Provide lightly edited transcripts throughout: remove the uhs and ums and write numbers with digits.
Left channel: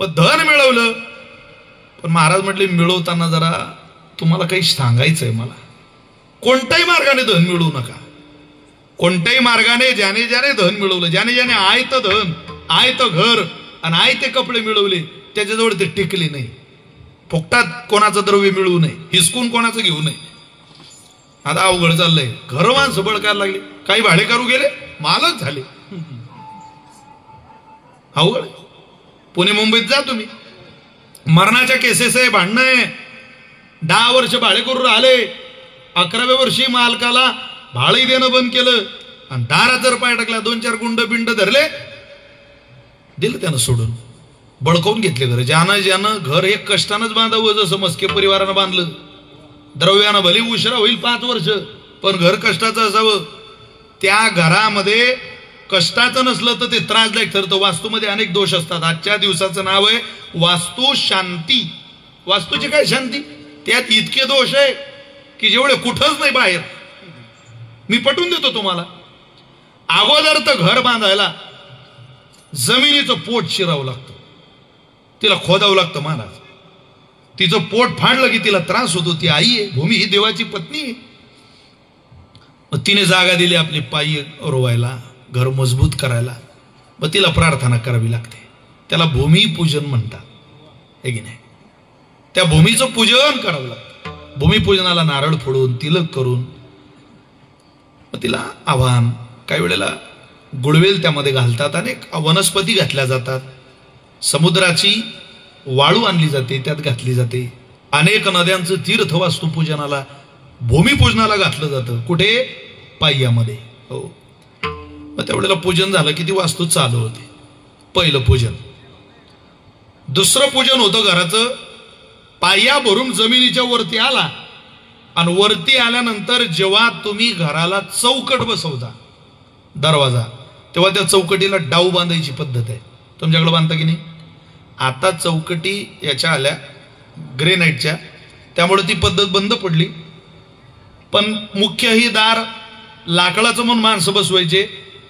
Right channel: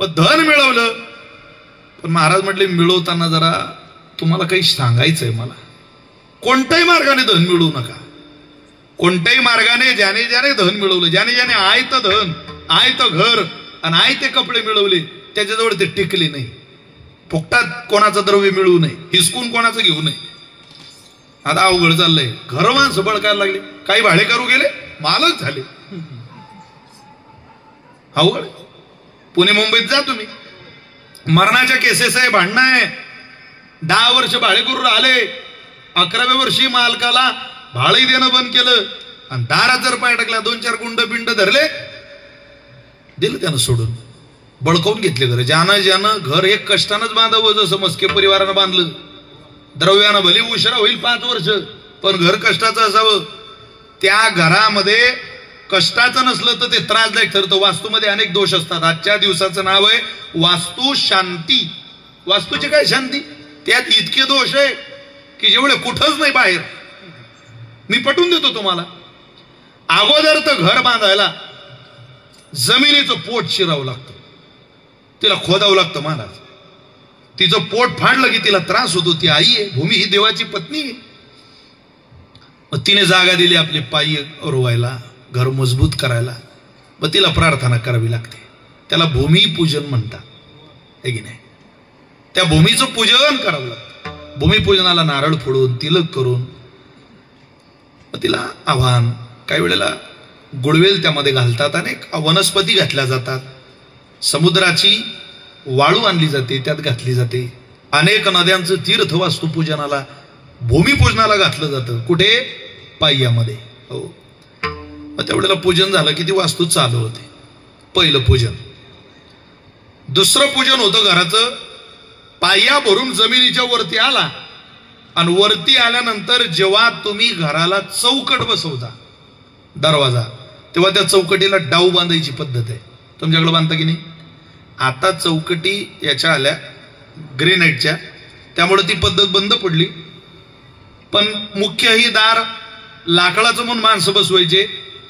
मग धन मिळवलं, पण महाराज म्हटले मिळवताना जरा तुम्हाला काही सांगायचंय मला. कोणत्याही मार्गाने धन मिळवू नका. कोणत्याही मार्गाने ज्याने ज्याने धन मिळवलं, ज्याने ज्याने आयत धन, आयत घर आणि आयते कपडे मिळवले, त्याच्याजवळ ते टिकले नाही. फुकटात कोणाचं द्रव्य मिळवू नये, हिसकून कोणाचं घेऊ नये. आता अवघड चाललंय. घर माणसं बळकायला लागले, काही भाडेकरू गेले, मालक झाले. अवघड. पुणे मुंबईत जा तुम्ही, मरणाच्या केसेस आहे, भांडणं आहे. 10 वर्ष भाडेकरू राहिले, 11व्या वर्षी मालकाला भाडे देणं बंद केलं आणि दारात जर पाय टाकला, 2-4 गुंड बिंड धरले, दिलं त्यानं सोडून, बळकावून घेतले घर. ज्यानं घर हे कष्टानंच बांधावं, जसं मस्के परिवारानं बांधलं. द्रव्यानं भले उशिरा होईल 5 वर्ष, पण घर कष्टाचं असावं. त्या घरामध्ये कष्टाचं नसलं तर ते त्रासदायक ठरतं. वास्तूमध्ये अनेक दोष असतात. आजच्या दिवसाचं नाव आहे वास्तू शांती. वास्तूची काय शांती? त्यात इतके दोष आहे की जेवढे कुठंच नाही बाहेर. मी पटवून देतो तुम्हाला. अगोदर तर घर बांधायला जमिनीचं पोट शिरावं लागतं, तिला खोदावं लागतं महाराज. तिचं पोट फाडलं की तिला त्रास होतो. ती आई आहे, भूमी ही देवाची पत्नी आहे. मग तिने जागा दिली आपले पायी रोवायला, घर मजबूत करायला. मग तिला प्रार्थना करावी लागते. त्याला भूमिपूजन म्हणतात, हे की नाही? त्या भूमीचं पूजन करावं लागतं. भूमिपूजनाला नारळ फोडून, तिलक करून, मग तिला आव्हान. काही वेळेला गुडवेल त्यामध्ये घालतात, अनेक वनस्पती घातल्या जातात. समुद्राची वाळू आणली जाते, त्यात घातली जाते. अनेक नद्यांचं तीर्थ वास्तुपूजनाला, भूमिपूजनाला घातलं जातं. कुठे? पाय्यामध्ये. हो. मग त्यावेळेला पूजन झालं की ती वास्तू चालू होते. पहिलं पूजन. दुसरं पूजन होतं घराचं. पाया भरून जमिनीच्या वरती आला आणि वरती आल्यानंतर जेव्हा तुम्ही घराला चौकट बसवता, दरवाजा, तेव्हा त्या चौकटीला डाव बांधायची पद्धत आहे. तुमच्याकडे बांधता की नाही? आता चौकटी याच्या आल्या ग्रेनाईटच्या, त्यामुळे ती पद्धत बंद पडली. पण मुख्य ही दार लाकडाचं म्हणून माणसं बसवायचे,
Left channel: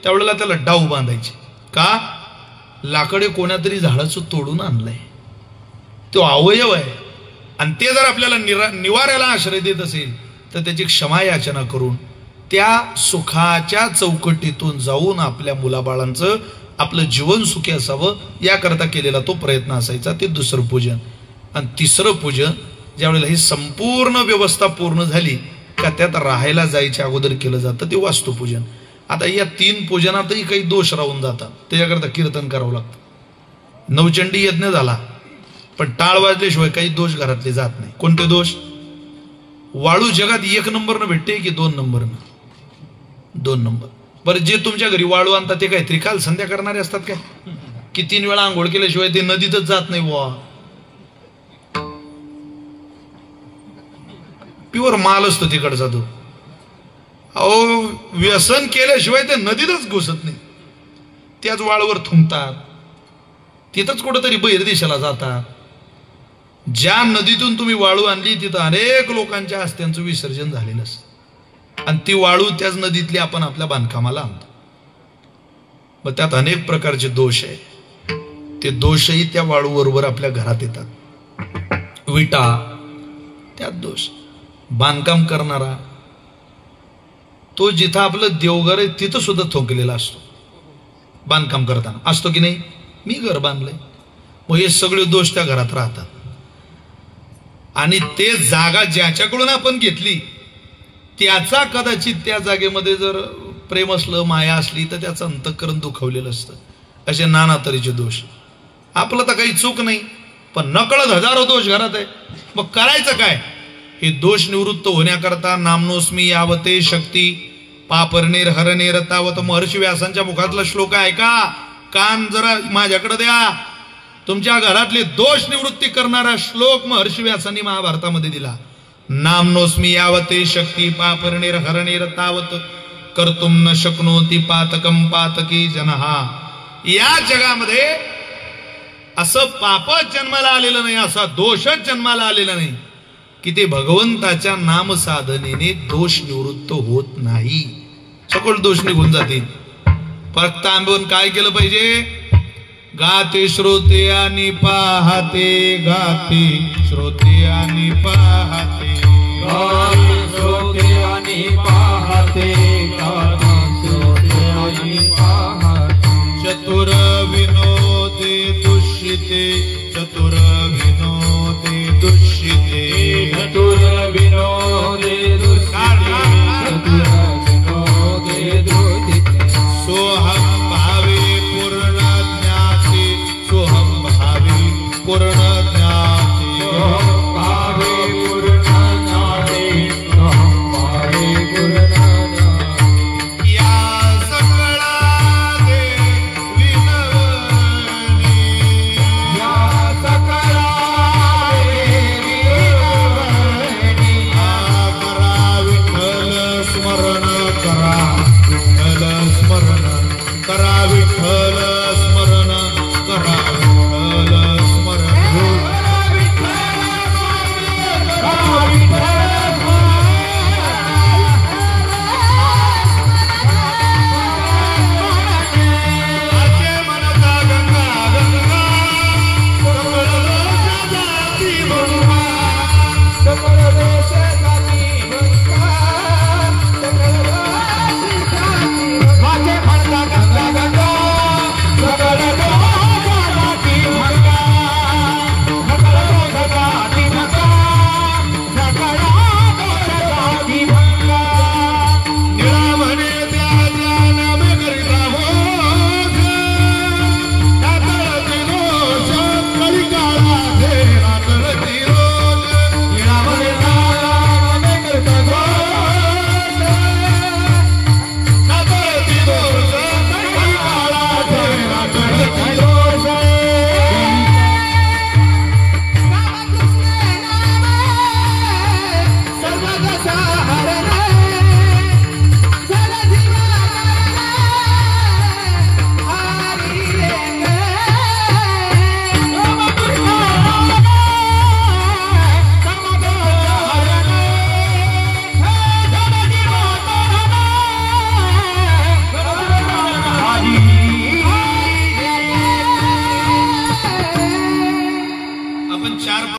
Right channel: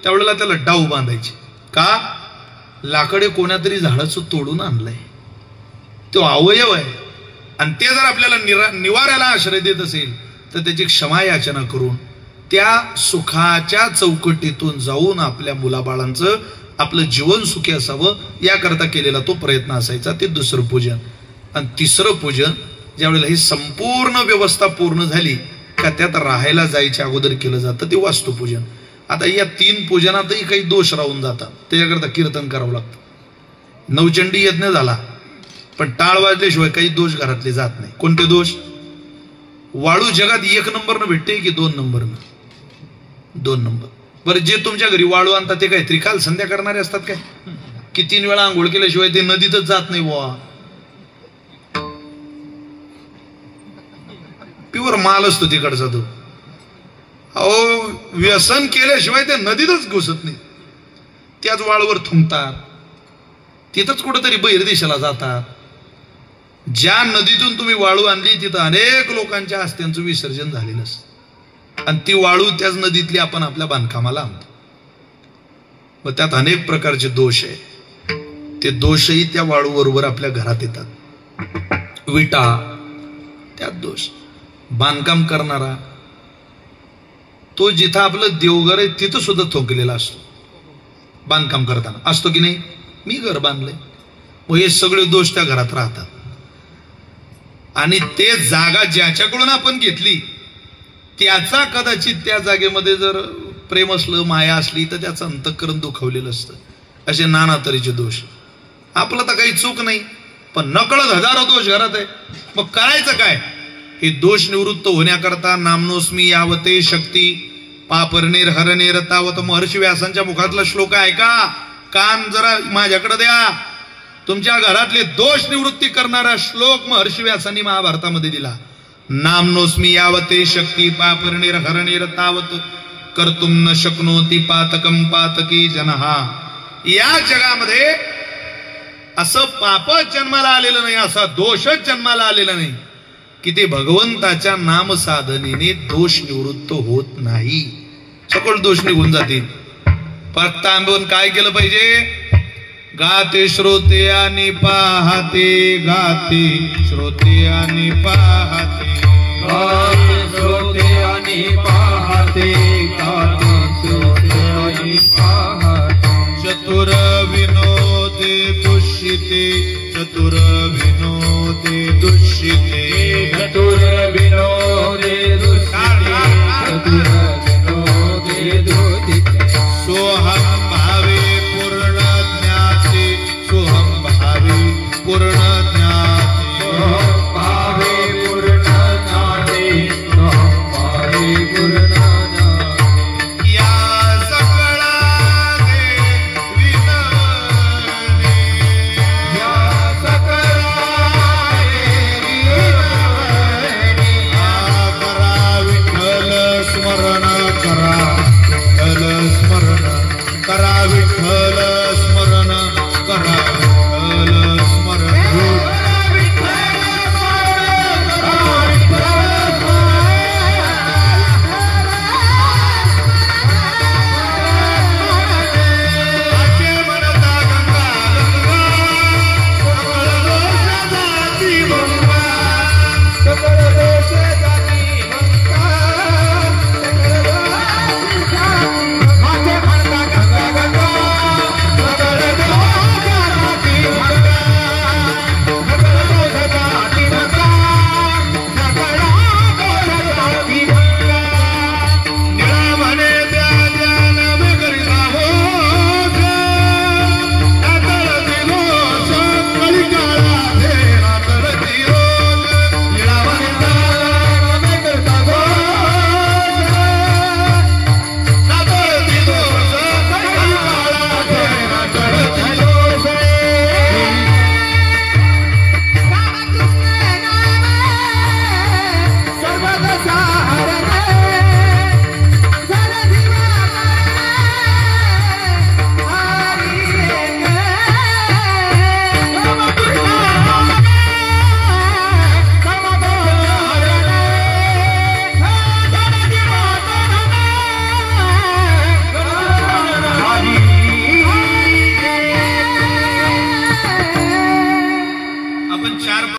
त्यावेळेला त्याला डाव बांधायचे. का? लाकडे कोणातरी झाडाचं तोडून आणलंय, तो अवयव आहे. आणि ते जर आपल्याला निवाऱ्याला आश्रय देत असेल तर त्याची क्षमा याचना करून त्या सुखाच्या चौकटीतून जाऊन आपल्या मुलाबाळांचं, आपलं जीवन सुखी असावं याकरता केलेला तो प्रयत्न असायचा. ते दुसरं पूजन. आणि तिसरं पूजन, ज्यावेळेला ही संपूर्ण व्यवस्था पूर्ण झाली का त्यात राहायला जायच्या अगोदर केलं जातं, ते वास्तुपूजन. आता या 3 पूजनातही काही दोष राहून जातात, त्याच्याकरता कीर्तन करावं लागतं. नवचंडी यज्ञ झाला, पण टाळ वाजल्याशिवाय काही दोष घरातले जात नाही. कोणते दोष? वाळू जगात 1 नंबरनं भेटते की 2 नंबरनं? 2 नंबर. बरं, जे तुमच्या घरी वाळू आणतात ते काय त्रिकाल संध्या करणारे असतात काय? की 3 वेळा आंघोळ केल्याशिवाय ते नदीतच जात नाही बुवा? प्युअर माल असतो तिकडचा तो. अहो, व्यसन केल्याशिवाय ते नदीतच घुसत नाही. त्याच वाळूवर थुंकतात, तिथंच कुठेतरी बहिर्देशाला जातात. ज्या नदीतून तुम्ही वाळू आणली तिथं अनेक लोकांच्या अस्त्यांचं विसर्जन झालेलं असतं. आणि ती वाळू त्याच नदीतली आपण आपल्या बांधकामाला आणतो. मग त्यात अनेक प्रकारचे दोष आहे. ते दोषही त्या वाळू बरोबर आपल्या घरात येतात. विटा, त्यात दोष. बांधकाम करणारा तो जिथं आपलं देवघर आहे तिथं सुद्धा थोकलेला असतो. बांधकाम करताना असतो की नाही? मी घर बांधलंय, मग हे सगळे दोष त्या घरात राहतात. आणि ते जागा ज्याच्याकडून आपण घेतली त्याचा कदाचित त्या जागेमध्ये जर प्रेम असलं, माया असली तर त्याचं अंतःकरण दुखावलेलं असतं. असे नाना तऱ्हेचे दोष. आपलं तर काही चूक नाही, पण नकळत हजारो दोष घरात आहे. मग करायचं काय? हे दोष निवृत्त होण्याकरता नामनोस्मी यावते शक्ती पापरनेर हरनेर तावत. महर्षी व्यासांच्या मुखातला श्लोक आहे का? कान जरा माझ्याकडे द्या. तुमच्या घरातले दोष निवृत्ती करणारा श्लोक महर्षी व्यासांनी महाभारतामध्ये दिला. नामनोस्मी यावते शक्ती पापरनेर हरनेर तावत कर्तुम न शक्नोती पातकम पातकी जनहा. या जगामध्ये असं पापच जन्माला आलेलं नाही, असा दोषच जन्माला आलेला नाही की ते भगवंताच्या नाम साधनेने दोष निवृत्त होत नाही. सकळ दोष निघून जातील. फक्त आंबवून काय केलं पाहिजे? गाते श्रोते आणि पाहते, गाते श्रोते आणि पाहते, गाते श्रोते आणि पाहते, गाते श्रोते आणि पाहते. चतुर विनोदे दुष्यिते, चतुर विनोदे दुष्यिते, चतुर विनोदे दुष्यिते, चतुर विनोदे दुष्यिते. सोहम भावे पूर्ण ज्ञाते, सोहम भावे पूर्ण